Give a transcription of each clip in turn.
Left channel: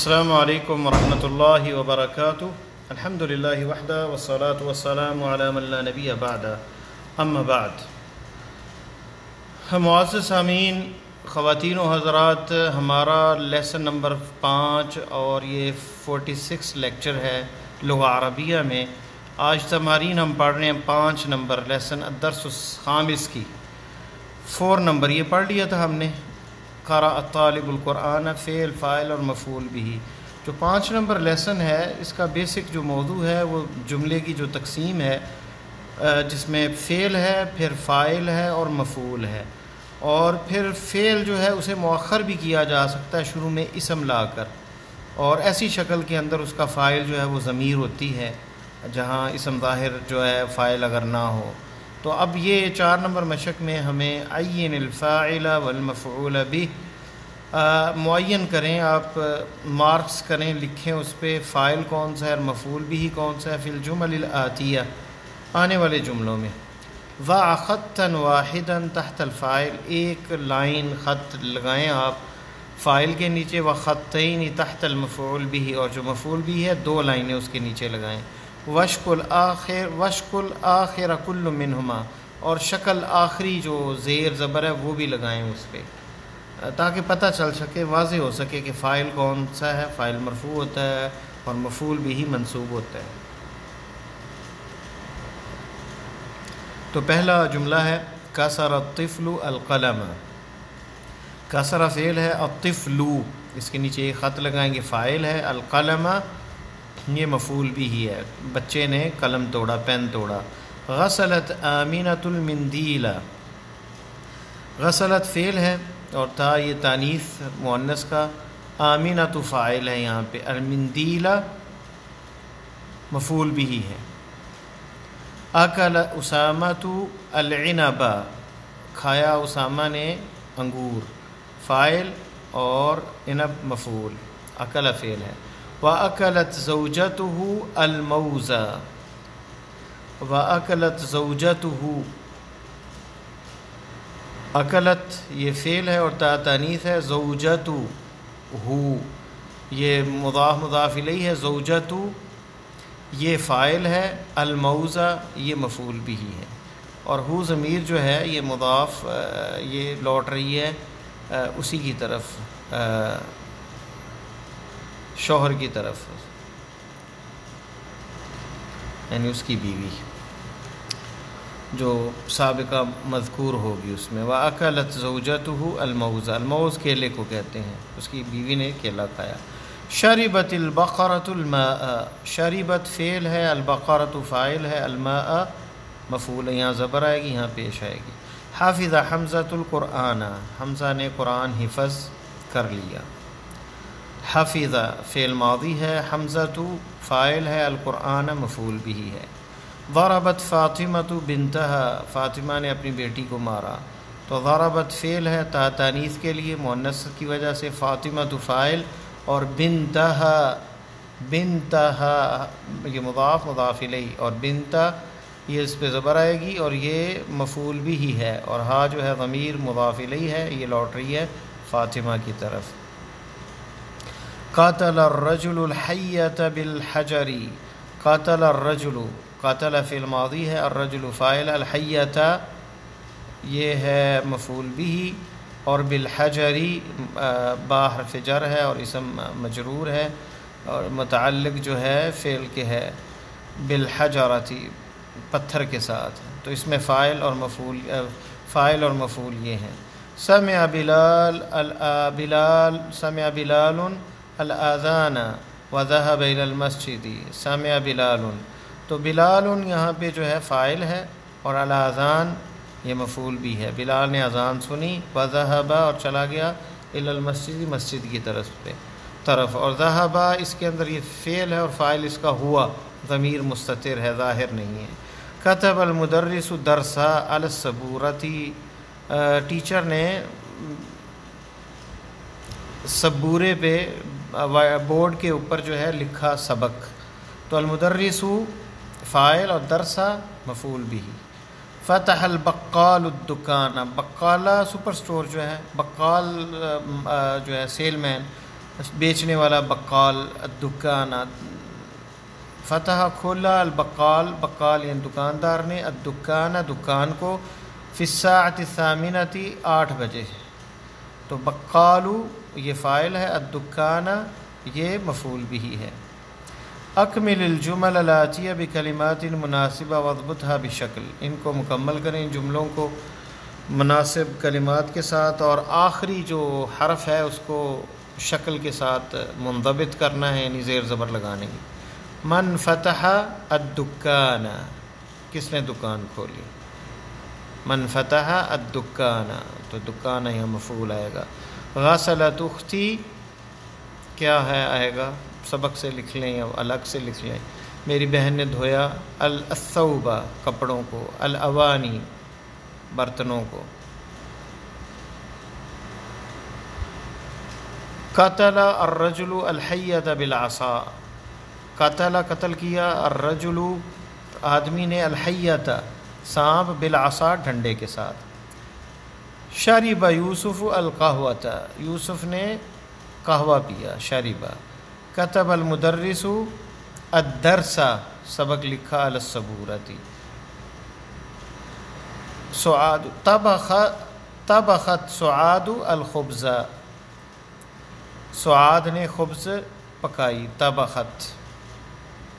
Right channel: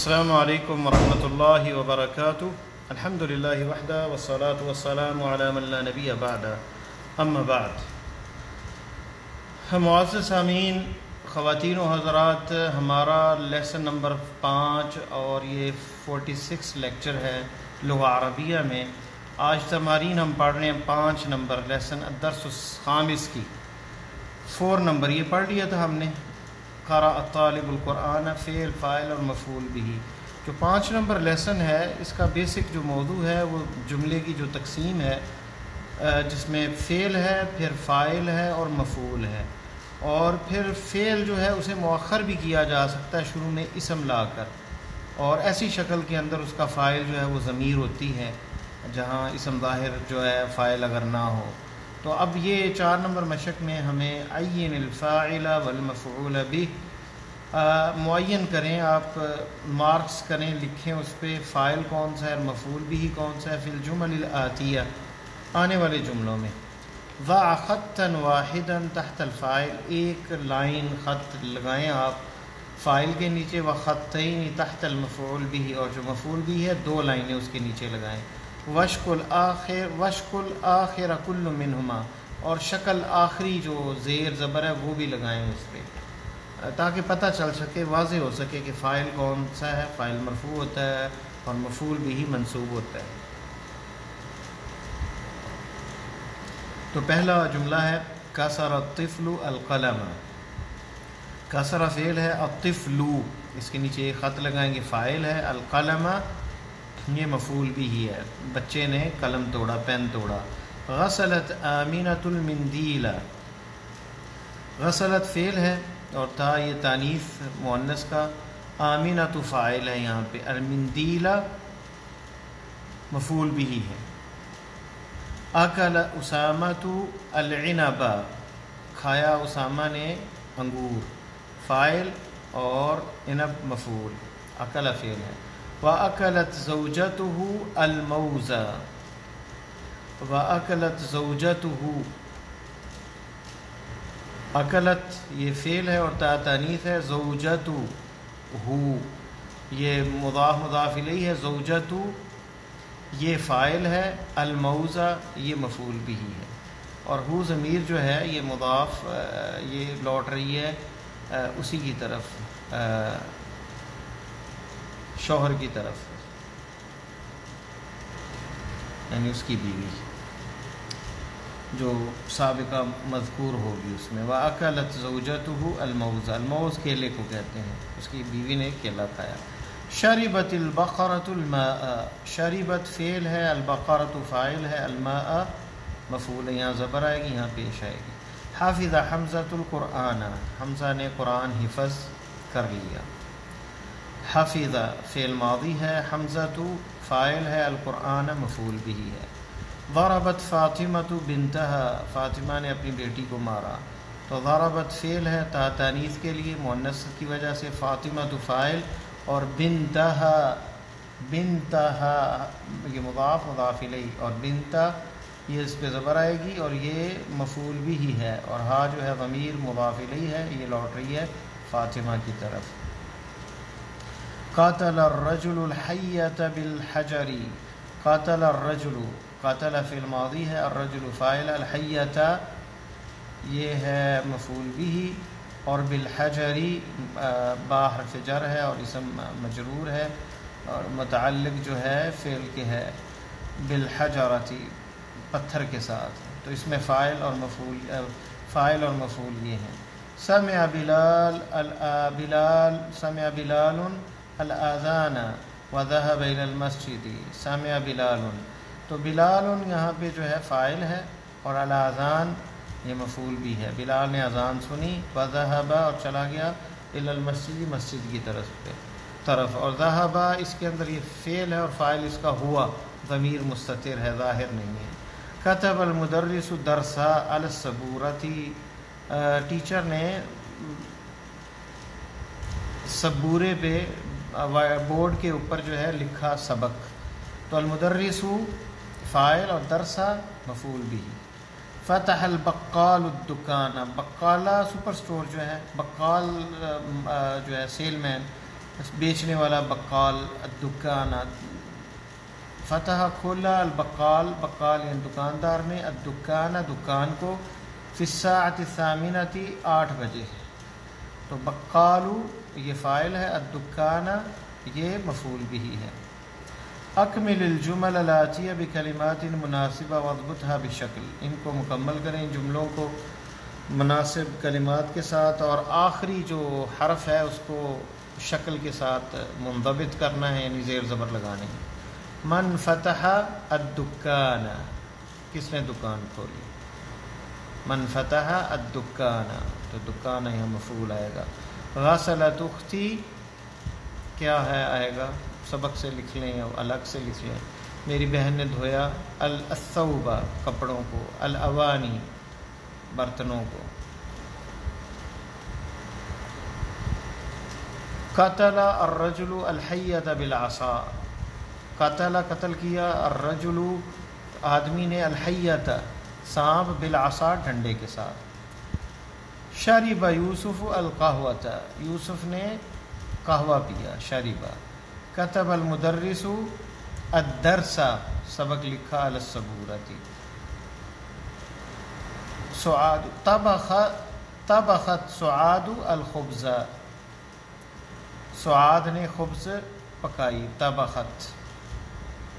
السلام علیکم ورحمۃ اللہ وبرکاتہ۔ الحمد للہ وحدہ والصلاة والسلام علی من لا نبی بعد، اما بعد۔ معزز سامعین، خواتین و حضرات، ہمارا لیسن نمبر 5 اور یہ 46 لیکچر ہے لغہ عربیہ میں۔ آج تمارین ہم پڑھ رہے ہیں 5 نمبر لیسن الدرس الخامس کی 4 نمبر یہ پڑھ لیا تھا ہم نے، قرأ الطالب القرآن، فعل فاعل اور مفعول بھی۔ جو 5 نمبر لیسن ہے اس کا بیسک جو موضوع ہے وہ جملے کی جو تقسیم ہے، جس میں فعل ہے، پھر فاعل ہے اور مفعول ہے، اور پھر فعل جو ہے اسے مؤخر بھی کیا جا سکتا ہے شروع میں اسم لا کر، اور ایسی شکل کے اندر اس کا فاعل جو ہے وہ ضمیر ہوتی ہے، جہاں اسم ظاہر جو ہے فاعل اگر نہ ہو۔ تو اب یہ 4 نمبر مشق میں ہمیں عین الفاعل والمفعول به معین کریں، آپ مارکس کریں، لکھیں اس پہ فاعل کون سا ہے اور مفعول بھی کون سا ہے فی الجمل الآتیہ، آنے والے جملوں میں۔ ضع خطا واحدا تحت الفاعل، ایک لائن خط لگائیں آپ فاعل کے نیچے، وخطین تحت المفعول به، اور جو مفعول بھی ہے 2 لائنیں اس کے نیچے لگائیں۔ وشکل آخر کل منہما، اور شکل آخری جو زیر زبر ہے وہ بھی لگائیں اس پہ، تاکہ پتہ چل سکے، واضح ہو سکے کہ فاعل کون سا ہے، فاعل مرفوع ہوتا ہے اور مفعول بھی منصوب ہوتا ہے۔ تو پہلا جملہ ہے کسر الطفل القلم، کسر فعل ہے، الطفل اس کے نیچے ایک خط لگائیں گے، فاعل ہے، القلم یہ مفعول بھی ہی ہے، بچے نے قلم توڑا، پین توڑا۔ غسلت آمینۃ المندیل، غسلت فعل ہے اور تا یہ تانیث مؤنث کا، آمینۃ فاعل ہے یہاں پہ، المندیل مفعول بھی ہی ہے۔ اکل اسامۃ العنب، کھایا اسامہ نے انگور، فاعل اور عنب مفعول، اکل فعل ہے۔ وَأَكَلَتْ زَوْجَتُهُ الْمَوْزَ، وَأَكَلَتْ زَوْجَتُهُ، اکلت یہ فعل ہے اور تا تانیث ہے، زوجتہ یہ مضاف مضاف الیہ ہے، زوجتہ یہ فاعل ہے، الموز یہ مفعول بھی ہے، اور ہو ضمیر جو ہے یہ مضاف یہ لوٹ رہی ہے اسی کی طرف، شوہر کی طرف، یعنی اس کی بیوی جو سابقہ مذکور ہوگی اس میں۔ وَأَكَلَتْ زَوْجَتُهُ الْمَوْزَ، الموز کیلے کو کہتے ہیں، اس کی بیوی نے کیلا کھایا۔ شربت البقرۃ الماء، شربت فعل ہے، البقرۃ فاعل ہے، الماء مفعول ہے، یہاں زبر آئے گی، یہاں پیش آئے گی۔ حافظ حمزۃ القرآن، حمزہ نے قرآن حفظ کر لیا۔ حفظ فعل ماضی ہے، حمزۃ فاعل ہے، القرآن مفعول بھی ہے۔ ضربت فاطمۃ بنتہا، فاطمہ نے اپنی بیٹی کو مارا، تو ضربت فعل ہے، تا تانیث کے لیے مؤنث کی وجہ سے، فاطمۃ فاعل اور بنتہا، بنتہا یہ مضاف مضاف الیہ، اور بنتہ یہ اس پہ زبر آئے گی اور یہ مفعول بھی ہی ہے، اور ہا جو ہے ضمیر مضاف الیہ ہے، یہ لوٹ رہی ہے فاطمہ کی طرف۔ قاتل الرجل الحیۃ بالحجر، قاتل الرجل، قاتل فعل ماضی ہے، الرجل فاعل، الحیۃ یہ ہے مفعول بھی، اور بالحجر با حرف جر ہے اور اسم مجرور ہے، اور متعلق جو ہے فعل کے ہے، بالحجرۃ پتھر کے ساتھ، تو اس میں فاعل اور مفعول یہ ہیں۔ سمع بلال سمع بلال الآذان وذهب إلى المسجد، سمع بلال، تو بلال یہاں پہ جو ہے فاعل ہے اور الاذان یہ مفعول بھی ہے، بلال نے اذان سنی، وذهب اور چلا گیا، إلى المسجد مسجد کی طرف، اور ذهب اس کے اندر یہ فعل ہے اور فاعل اس کا ہوا، ضمیر مستتر ہے، ظاہر نہیں ہے۔ كتب المدرس درسا على السبورة، ٹیچر نے سبورے پہ بورڈ کے اوپر جو ہے لکھا سبق، تو المدرس فاعل اور درسا مفعول بھی۔ فتح البقال الدکان، بقالہ سپر سٹور جو ہے، بقال جو ہے سیل مین، بیچنے والا بقال، الدکان فتح کھولا، البقال بقال یعنی دکاندار نے، الدکان دکان کو، فی الساعۃ الثامنۃ 8 بجے، تو بقالو یہ فاعل ہے، الدکان یہ مفعول بھی ہے۔ اکمل الجمل الاتیہ بکلمات مناسبہ واضبطها بشکل، ان کو مکمل کریں جملوں کو مناسب کلمات کے ساتھ، اور آخری جو حرف ہے اس کو شکل کے ساتھ منضبط کرنا ہے، یعنی زیر زبر لگانے کی۔ من فتح الدکان، کس نے دکان کھولی، من فتح الدکان، تو دکان یہاں مفعول آئے گا۔ غسلت اختی کیا ہے آئے گا، سبق سے لکھ لیں یا الگ سے لکھ لیں، میری بہن نے دھویا، الثوب کپڑوں کو، الاوانی برتنوں کو۔ قتل الرجل الحیۃ بالعصا، قتل قتل کیا، الرجل آدمی نے، الحیۃ سانپ، بالعصا ڈنڈے کے ساتھ۔ شرب یوسف القہوۃ، یوسف نے قہوہ پیا، شربا۔ کتب المدرس الدرس، سبق لکھا، علی السبورۃ۔ سعاد طبخت سعاد الخبز، سعاد نے خبز پکائی، طبخت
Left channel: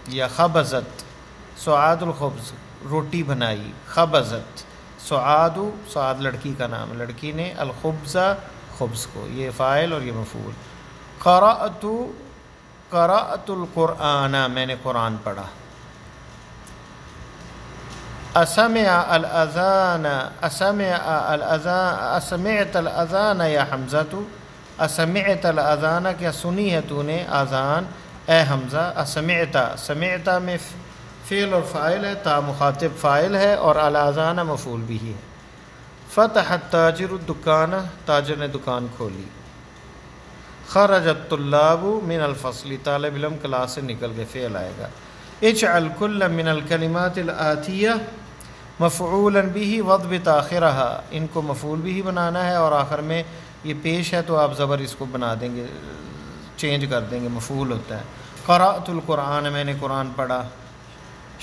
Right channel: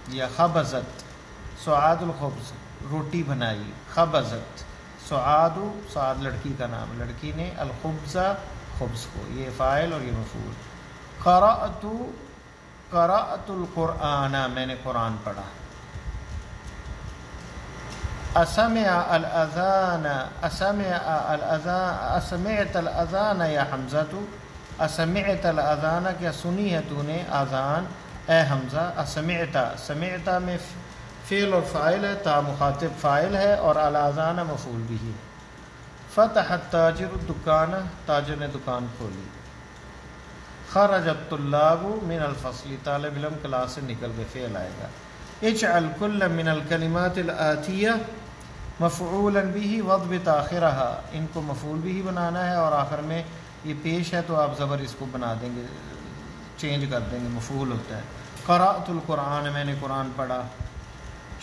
یا خبزت، سعاد الخبز روٹی بنائی، خبزت، سعاد سعاد لڑکی کا نام، لڑکی نے، الخبز خبز کو، یہ فاعل اور یہ مفعول۔ قرأت القرآن، میں نے قرآن پڑھا۔ اسمع الاذان، اسمعت الاذان یا حمزہ، اسمعت الاذان کیا سنی ہے تو نے اذان اے حمزہ، اسمعت، سمعت میں فعل اور فاعل ہے، تا مخاطب فاعل ہے، اور الاذان مفعول بھی ہے۔ فتح التاجر الدکان، تاجر نے دکان کھولی۔ خرج الطلاب من الفصل، طالب علم کلاس سے نکل گئے، فعل آئے گا۔ اجعل کل من الکلمات الآتیہ مفعولا به واضبط آخرها، ان کو مفعول بھی بنانا ہے، اور آخر میں یہ پیش ہے تو آپ زبر اس کو بنا دیں گے، چینج کر دیں گے، مفعول ہوتا ہے۔ قرأت القرآن، میں نے قرآن پڑھا۔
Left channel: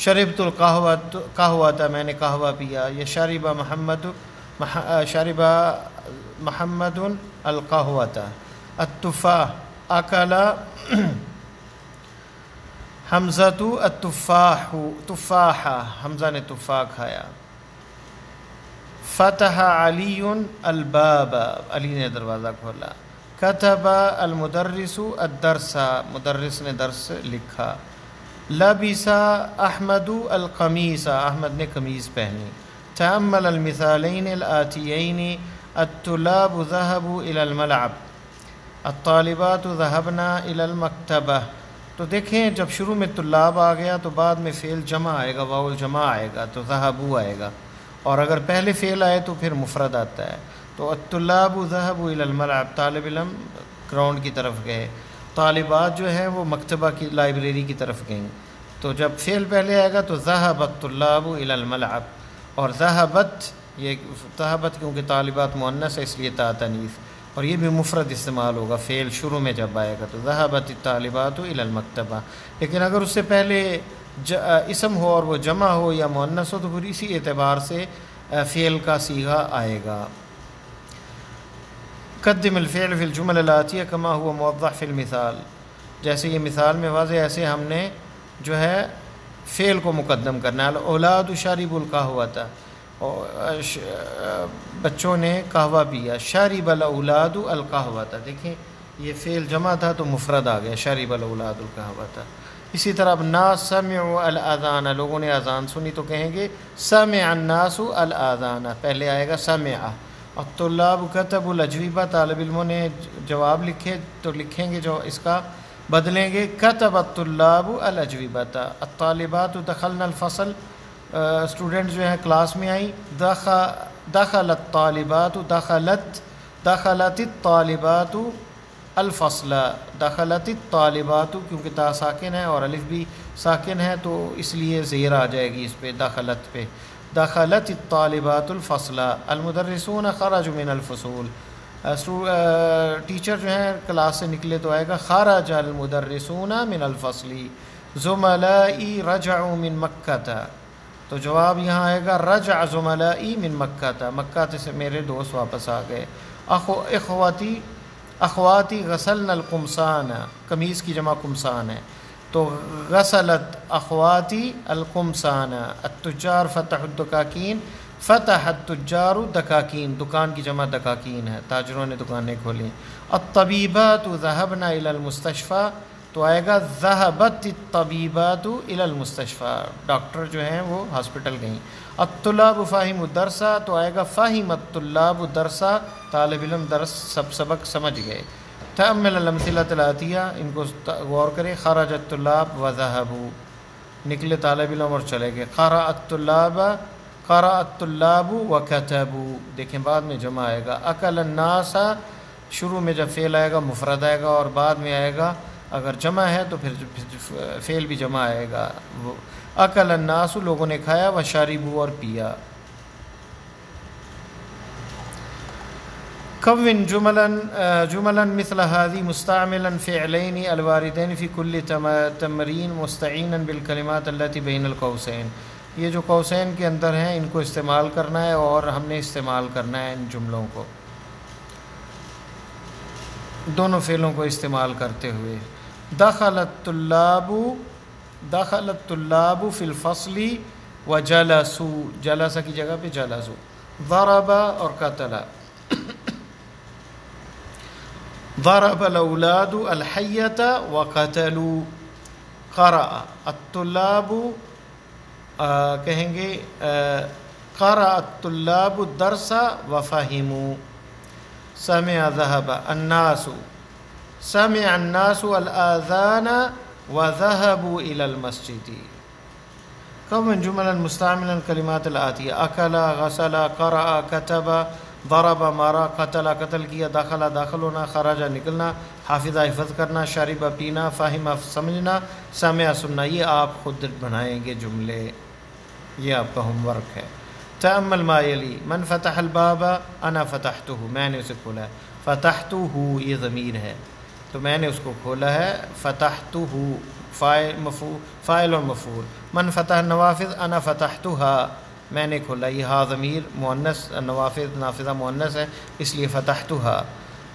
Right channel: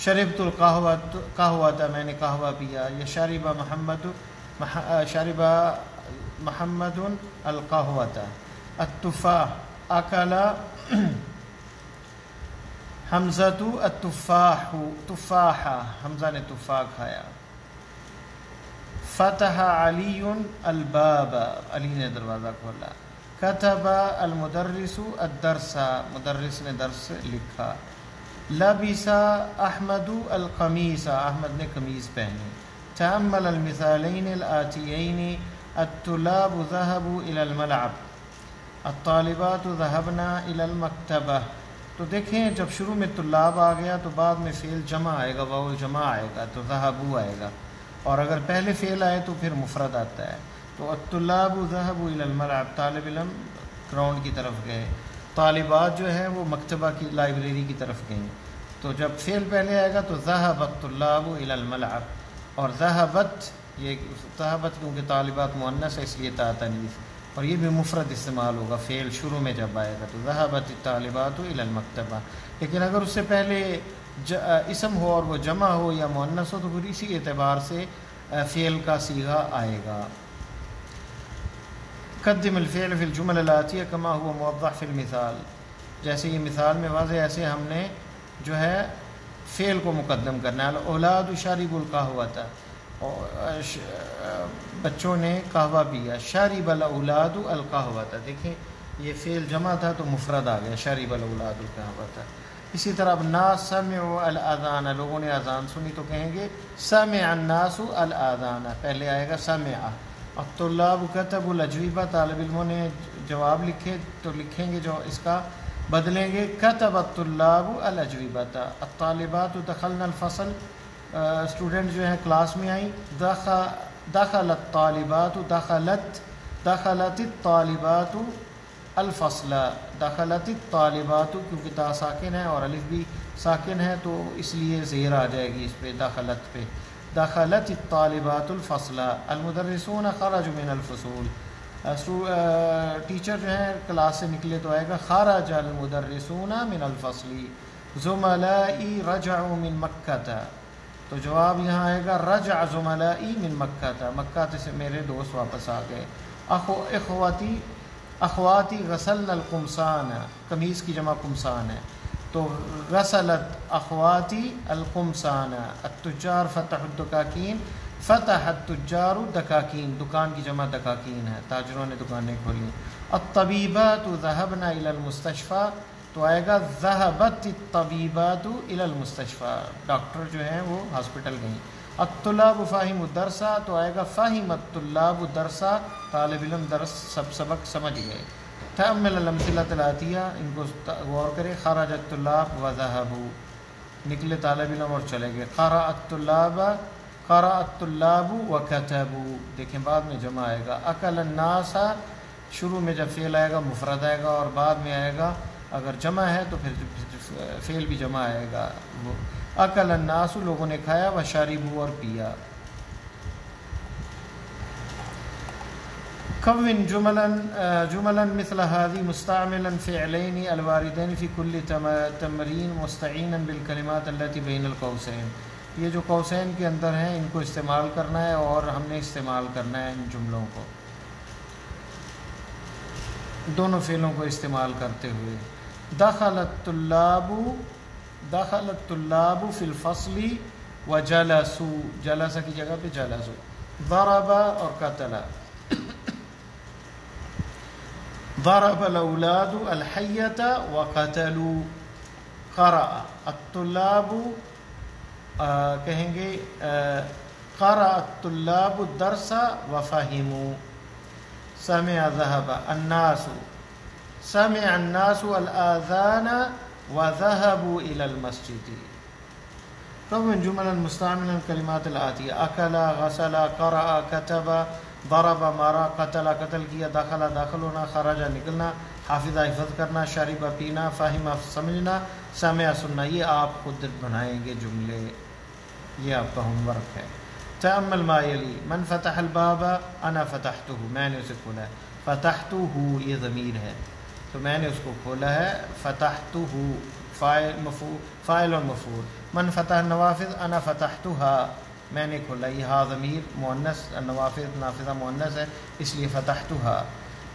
شربت القہوۃ، میں نے قہوہ پیا، یا شرب محمد القہوۃ۔ التفاح، اکل حمزۃ التفاح، تفاحہ، حمزہ نے تفاح کھایا۔ فتح علی الباب، علی نے دروازہ کھولا۔ کتب المدرس الدرس، مدرس نے درس لکھا۔ لبس احمد القمیص، احمد نے قمیض پہنی۔ تأمل المثالین الآتیین، الطلاب ذهبوا إلى الملعب، الطالبات ذهبن إلى المکتبہ۔ تو دیکھیں جب شروع میں طلاب آ گیا تو بعد میں فعل جمع آئے گا، واو الجمع آئے گا، تو ذهبوا آئے گا، اور اگر پہلے فعل آئے تو پھر مفرد آتا ہے۔ تو الطلاب ذهبوا إلى الملعب، طالب علم گراؤنڈ کی طرف گئے، طالبات جو ہیں وہ مکتبہ کی لائبریری کی طرف گئیں۔ تو جب فعل پہلے آئے گا تو ذهب الطلاب إلى الملعب، اور ذهبت، یہ ذهبت کیونکہ طالبات مؤنث ہے اس لیے تا تنیث، اور یہ بھی مفرد استعمال ہوگا فعل شروع میں جب آئے گا تو ذهبت الطالبات إلى المکتبہ۔ لیکن اگر اس سے پہلے اسم ہو اور وہ جمع ہو یا مؤنث ہو تو پھر اسی اعتبار سے فعل کا صیغہ آئے گا۔ قدم الفعل فی الجمل الآتیہ کما هو موضح فی المثال، جیسے یہ مثال میں واضح، ایسے ہم نے جو ہے فعل کو مقدم کرنا ہے۔ الاولاد شربوا القہوۃ، بچوں نے قہوہ پیا۔ شرب الاولاد القہوۃ، دیکھیں یہ فعل جمع تھا تو مفرد آ گیا، شرب الاولاد القہوۃ۔ اسی طرح اب ناس سمعوا الاذان، لوگوں نے اذان سنی تو کہیں گے سمع الناس الاذان، پہلے آئے گا سمع۔ الطلاب کتبوا الاجوبہ، طالب علموں نے جواب لکھے تو لکھیں گے جو اس کا بدلیں گے کتب الطلاب الاجوبۃ۔ الطالبات دخلن الفصل، اسٹوڈنٹ جو ہیں کلاس میں آئیں۔ دخل الطالبات، دخلت الطالبات الفصل، دخلت الطالبات کیونکہ تا ساکن ہے اور الف بھی ساکن ہے تو اس لیے زیر آ جائے گی اس پہ، دخلت پہ۔ دخلت الطالبات الفصل۔ المدرسون خرجوا من الفصول، ٹیچر جو ہیں کلاس سے نکلے تو آئے گا خرج المدرسون من الفصل زملائی رجعوا من مکہ، تو جواب یہاں آئے گا رجع زملائی من مکہ، مکہ سے میرے دوست واپس آ گئے۔ اخواتی غسلن القمصان، قمیص کی جمع قمصان ہے، تو غسلت اخواتی القمصان، التجار فتح الدکاکین، فتح التجار دکاکین، دکان کی جمع دکاکین ہے، تاجروں نے دکانیں کھولیں۔ الطبیبات ذهبن الى المستشفى، تو آئے گا ذهبت الطبیبات الى المستشفى، ڈاکٹر جو ہیں وہ ہاسپٹل گئیں۔ الطلاب فاہموا الدرس، تو آئے گا فاہم الطلاب الدرس، طالب علم درس سبق سمجھ گئے۔ تأمل الامثلة الآتیہ، ان کو غور کریں۔ خرج الطلاب وذهبوا، نکلے طالب علم اور چلے گئے۔ قرأ الطلاب وكتبوا، دیکھیں بعد میں جمع آئے گا۔ اکل الناس، شروع میں جب فعل آئے گا مفرد آئے گا، اور بعد میں آئے گا اگر جمع ہے تو پھر فعل بھی جمع آئے گا۔ اکل الناس، لوگوں نے کھایا، وشربوا، اور پیا۔ کون جملا مثل هذه مستعملا فعلين الواردين في كل تمرين مستعینا بالکلمات التي بين القوسين، یہ جو قوسین کے اندر ہیں ان کو استعمال کرنا ہے، اور ہم نے استعمال کرنا ہے ان جملوں کو دونوں فعلوں کو استعمال کرتے ہوئے۔ دخل الطلاب فی الفصل وجلسوا، جلس کی جگہ پہ جلسوا۔ ضرب اور قتل، ضرب الاولاد الحیۃ وقتلوا۔ قرأ الطلاب، کہیں گے قرأ الطلاب الدرس وفہموا۔ سمع ذهب الناس، سمع الناس الآذان وذهبوا إلى المسجد۔ كون جملا مستعملا الكلمات الآتية: أكل، غسل، قرأ، كتب، ضرب مارا، قتل قتل کیا، دخل داخل ہونا، خرج نکلنا، حافظ حفظ کرنا، شرب پینا، فاہم سمجھنا، سمع سننا۔ یہ آپ خود بنائیں گے جملے، یہ آپ کا ہوم ورک ہے۔ تأمل ما یلی: من فتح الباب، انا فتحتہ، میں نے اسے کھولا ہے۔ فتحتہ، یہ ضمیر ہے تو میں نے اس کو کھولا ہے۔ فتحتہ، فاعل اور مفعول۔ من فتح النوافذ، انا فتحتها، میں نے کھولا، یہ ہا ضمیر مؤنث، نوافذ نافذہ مؤنث ہے اس لیے فتحتها۔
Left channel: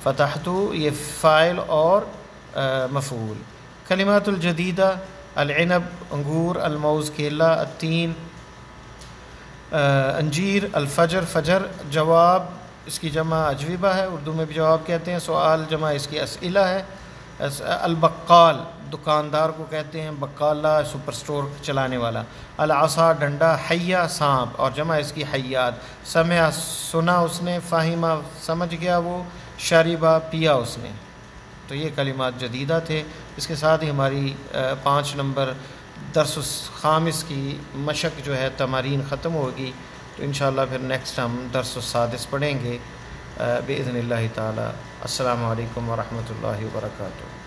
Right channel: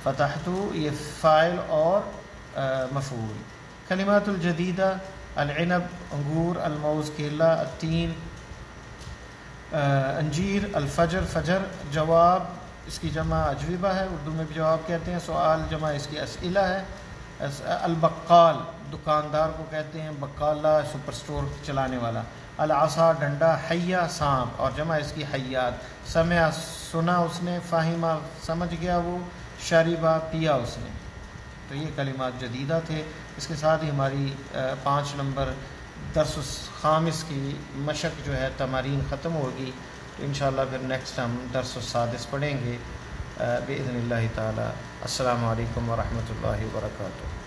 فتحت، یہ فاعل اور مفعول۔ کلمات الجدیدہ: العنب انگور، الموز کیلا، التین انجیر، الفجر فجر۔ جواب اس کی جمع اجوبہ ہے، اردو میں بھی جواب کہتے ہیں۔ سوال جمع اس کی اسئلہ ہے۔ البقال دکاندار کو کہتے ہیں، بقالہ سپر سٹور چلانے والا۔ العصا ڈنڈا، حیہ سانپ، اور جمع اس کی حیات۔ سمع سنا اس نے، فاہمہ سمجھ گیا وہ، شربہ پیا اس نے۔ تو یہ کلمات جدیدہ تھے۔ اس کے ساتھ ہی ہماری 5 نمبر درس خامس کی مشق جو ہے تمارین ختم ہوگی، تو انشاءاللہ پھر نیکسٹ ہم درس السادس پڑھیں گے بإذن اللہ تعالی۔ السلام علیکم ورحمۃ اللہ وبرکاتہ۔